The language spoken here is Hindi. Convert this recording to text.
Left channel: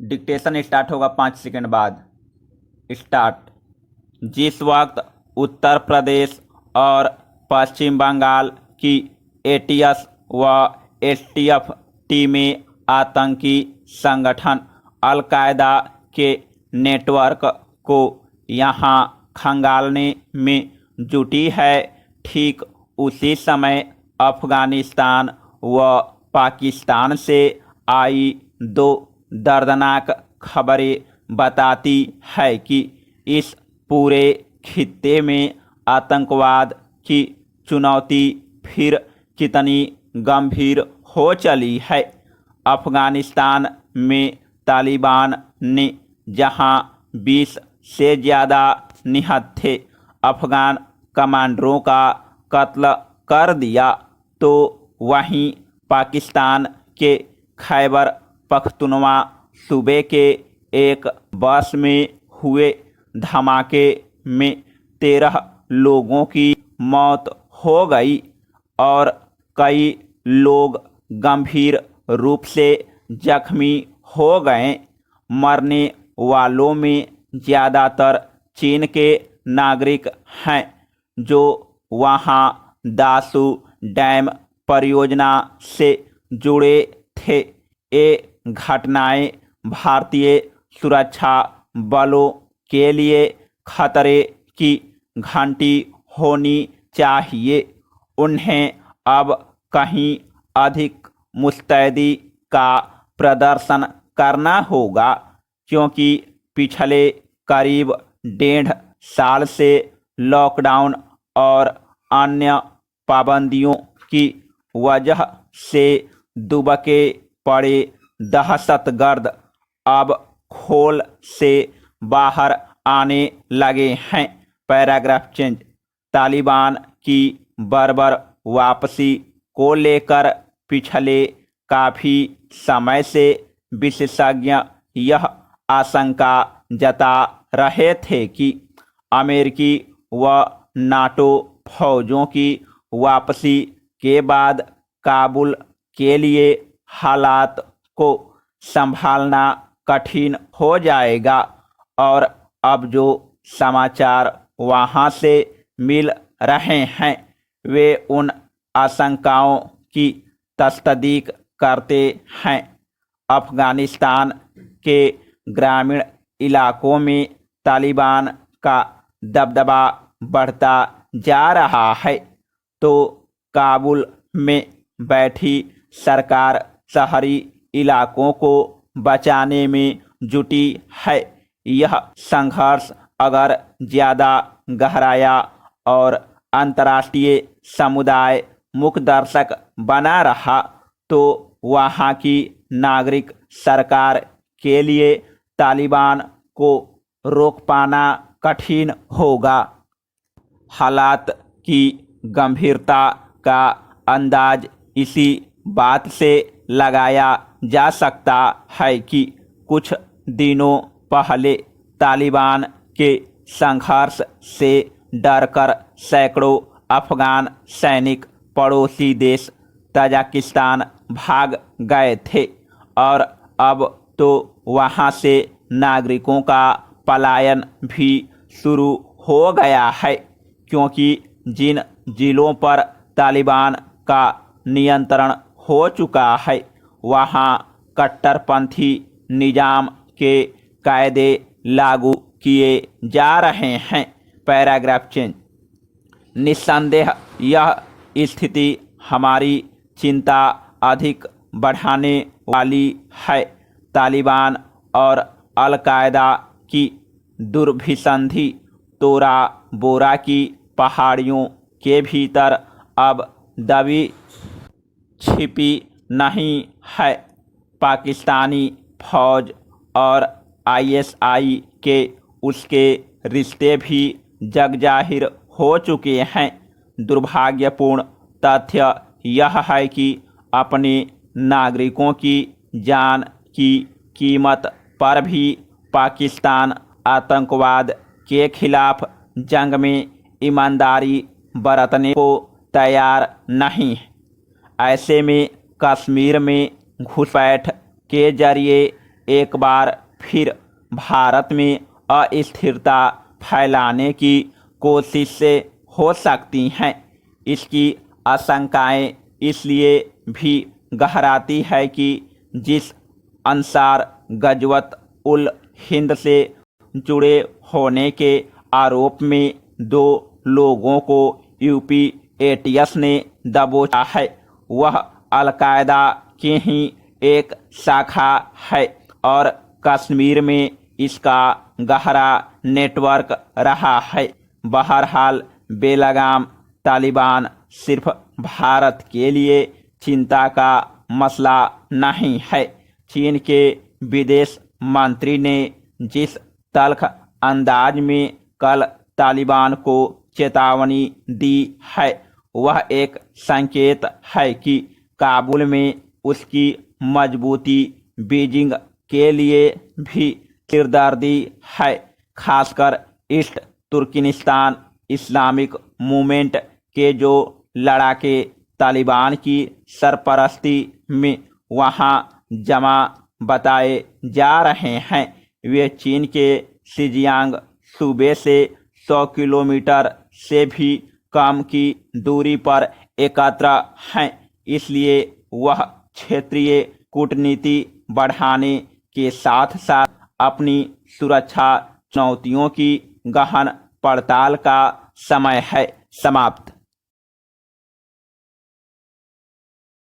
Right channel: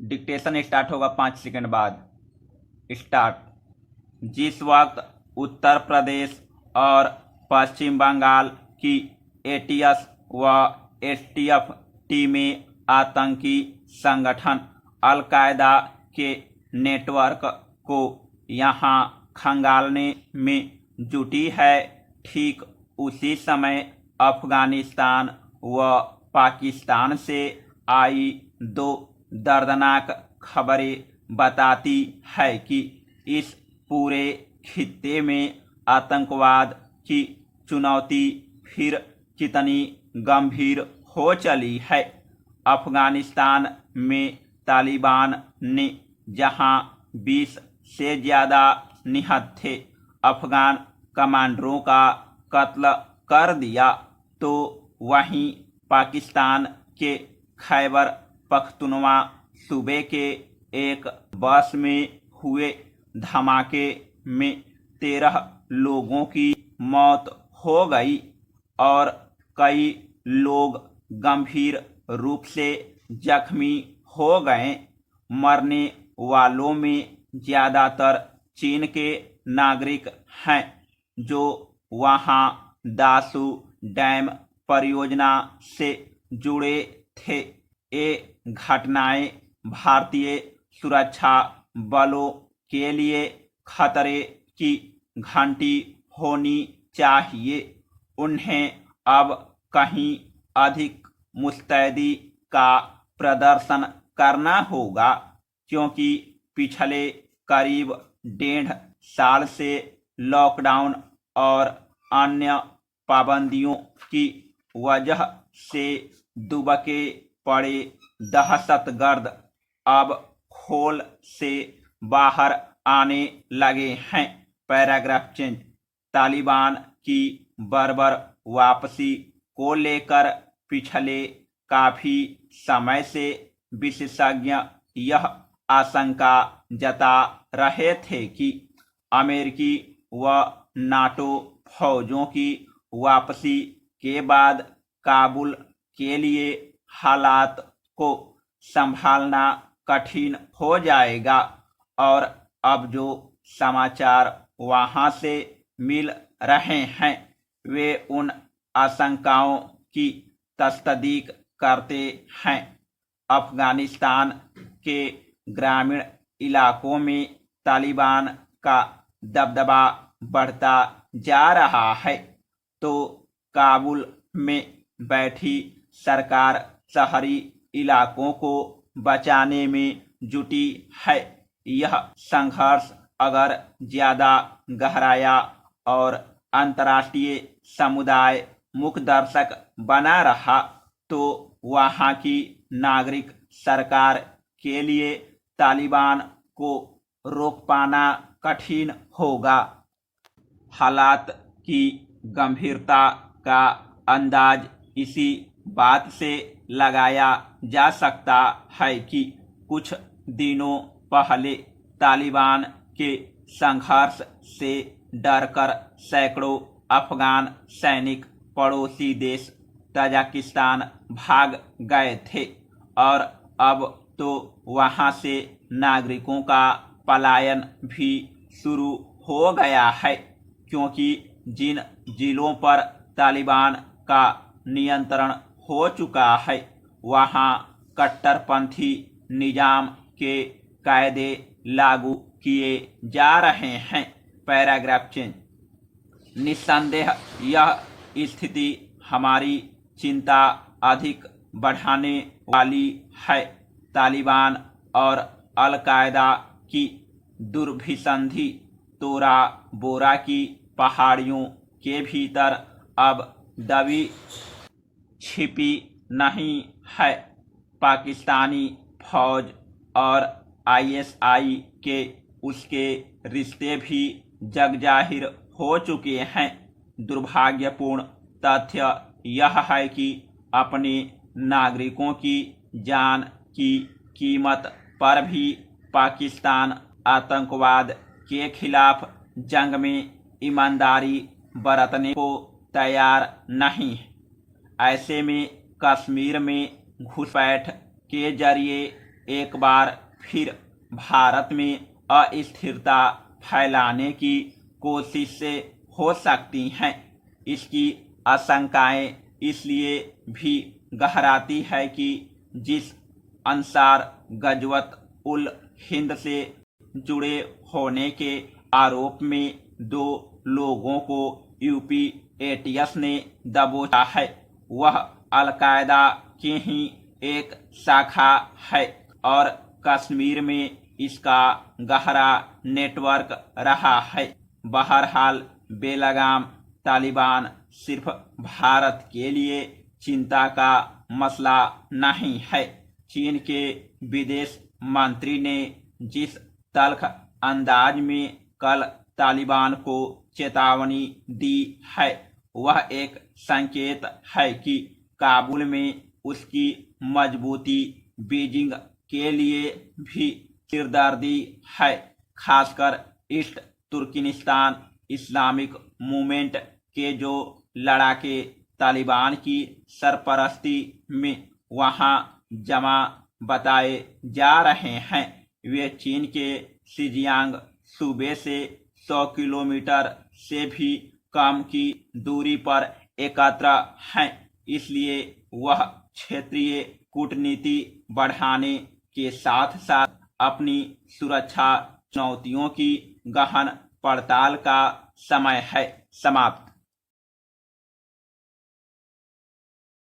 डिक्टेशन स्टार्ट होगा 5 सेकंड बाद। स्टार्ट। जिस वक्त उत्तर प्रदेश और पश्चिम बंगाल की एटीएस व एसटीएफ टीमें आतंकी संगठन अल-कायदा के नेटवर्क को यहां खंगालने में जुटी है, ठीक उसी समय अफगानिस्तान व पाकिस्तान से आई दो दर्दनाक खबरें बताती है कि इस पूरे खित्ते में आतंकवाद की चुनौती फिर कितनी गंभीर हो चली है। अफगानिस्तान में तालिबान ने जहां 20 से ज़्यादा निहत्थे अफगान कमांडरों का कत्ल कर दिया, तो वहीं पाकिस्तान के खैबर पख्तूनवा सूबे के एक बस में हुए धमाके में 13 लोगों की मौत हो गई और कई लोग गंभीर रूप से जख्मी हो गए। मरने वालों में ज़्यादातर चीन के नागरिक हैं, जो वहां दासू डैम परियोजना से जुड़े थे। ये घटनाएं भारतीय सुरक्षा बलों के लिए खतरे की घंटी होनी चाहिए। उन्हें अब कहीं अधिक मुस्तैदी का प्रदर्शन करना होगा, क्योंकि पिछले करीब 1.5 साल से लॉकडाउन और अन्य पाबंदियों की वजह से दुबके पड़े दहशतगर्द अब खोल से बाहर आने लगे हैं। Paragraph change. तालिबान की बर्बर वापसी को लेकर पिछले काफ़ी समय से विशेषज्ञ यह आशंका जता रहे थे कि अमेरिकी व नाटो फौजों की वापसी के बाद काबुल के लिए हालात को संभालना कठिन हो जाएगा। और अब जो समाचार वहां से मिल रहे हैं वे उन आशंकाओं की तस्दीक करते हैं। अफगानिस्तान के ग्रामीण इलाकों में तालिबान का दबदबा बढ़ता जा रहा है, तो काबुल में बैठी सरकार शहरी इलाकों को बचाने में जुटी है। यह संघर्ष अगर ज़्यादा गहराया और अंतर्राष्ट्रीय समुदाय मुखदर्शक बना रहा, तो वहाँ की नागरिक सरकार के लिए तालिबान को रोक पाना कठिन होगा। हालात की गंभीरता का अंदाज इसी बात से लगाया जा सकता है कि कुछ दिनों पहले तालिबान के संघर्ष से डरकर सैकड़ों अफगान सैनिक पड़ोसी देश तजाकिस्तान भाग गए थे, और अब तो वहां से नागरिकों का पलायन भी शुरू हो गया है, क्योंकि जिन जिलों पर तालिबान का नियंत्रण हो चुका है वहां कट्टरपंथी निजाम के कायदे लागू किए जा रहे हैं। Paragraph change. निस्संदेह यह स्थिति हमारी चिंता अधिक बढ़ाने वाली है। तालिबान और अल-कायदा की दुर्भिसंधि तोरा बोरा की पहाड़ियों के भीतर अब दबी छिपी नहीं है। पाकिस्तानी फौज और आईएसआई के उसके रिश्ते भी जगजाहिर हो चुके हैं। दुर्भाग्यपूर्ण तथ्य यह है कि अपने नागरिकों की जान की कीमत पर भी पाकिस्तान आतंकवाद के खिलाफ जंग में ईमानदारी बरतने को तैयार नहीं है। ऐसे में कश्मीर में घुसपैठ के जरिए एक बार फिर भारत में अस्थिरता फैलाने की कोशिश से हो सकती हैं। इसकी आशंकाएं इसलिए भी गहराती है कि जिस अंसार गजवत उल हिंद से जुड़े होने के आरोप में 2 लोगों को यूपी एटीएस ने दबोचा है, वह अलकायदा की ही एक शाखा है और कश्मीर में इसका गहरा नेटवर्क रहा है। बहरहाल बेलगाम तालिबान सिर्फ भारत के लिए चिंता का मसला नहीं है। चीन के विदेश मंत्री ने जिस तल्ख अंदाज में कल तालिबान को चेतावनी दी है, वह एक संकेत है कि काबुल में उसकी मजबूती बीजिंग के लिए भी सिरदर्दी है। खासकर ईस्ट तुर्कमेनिस्तान इस्लामिक मूवमेंट के जो लड़ाके तालिबान की सरपरस्ती में वहां जमा बताए जा रहे हैं, वे चीन के शिजियांग सूबे से 100 किलोमीटर से भी कम की दूरी पर एकत्र हैं। इसलिए वह क्षेत्रीय कूटनीति बढ़ाने के साथ साथ अपनी सुरक्षा चुनौतियों की गहन पड़ताल का समय है। समाप्त।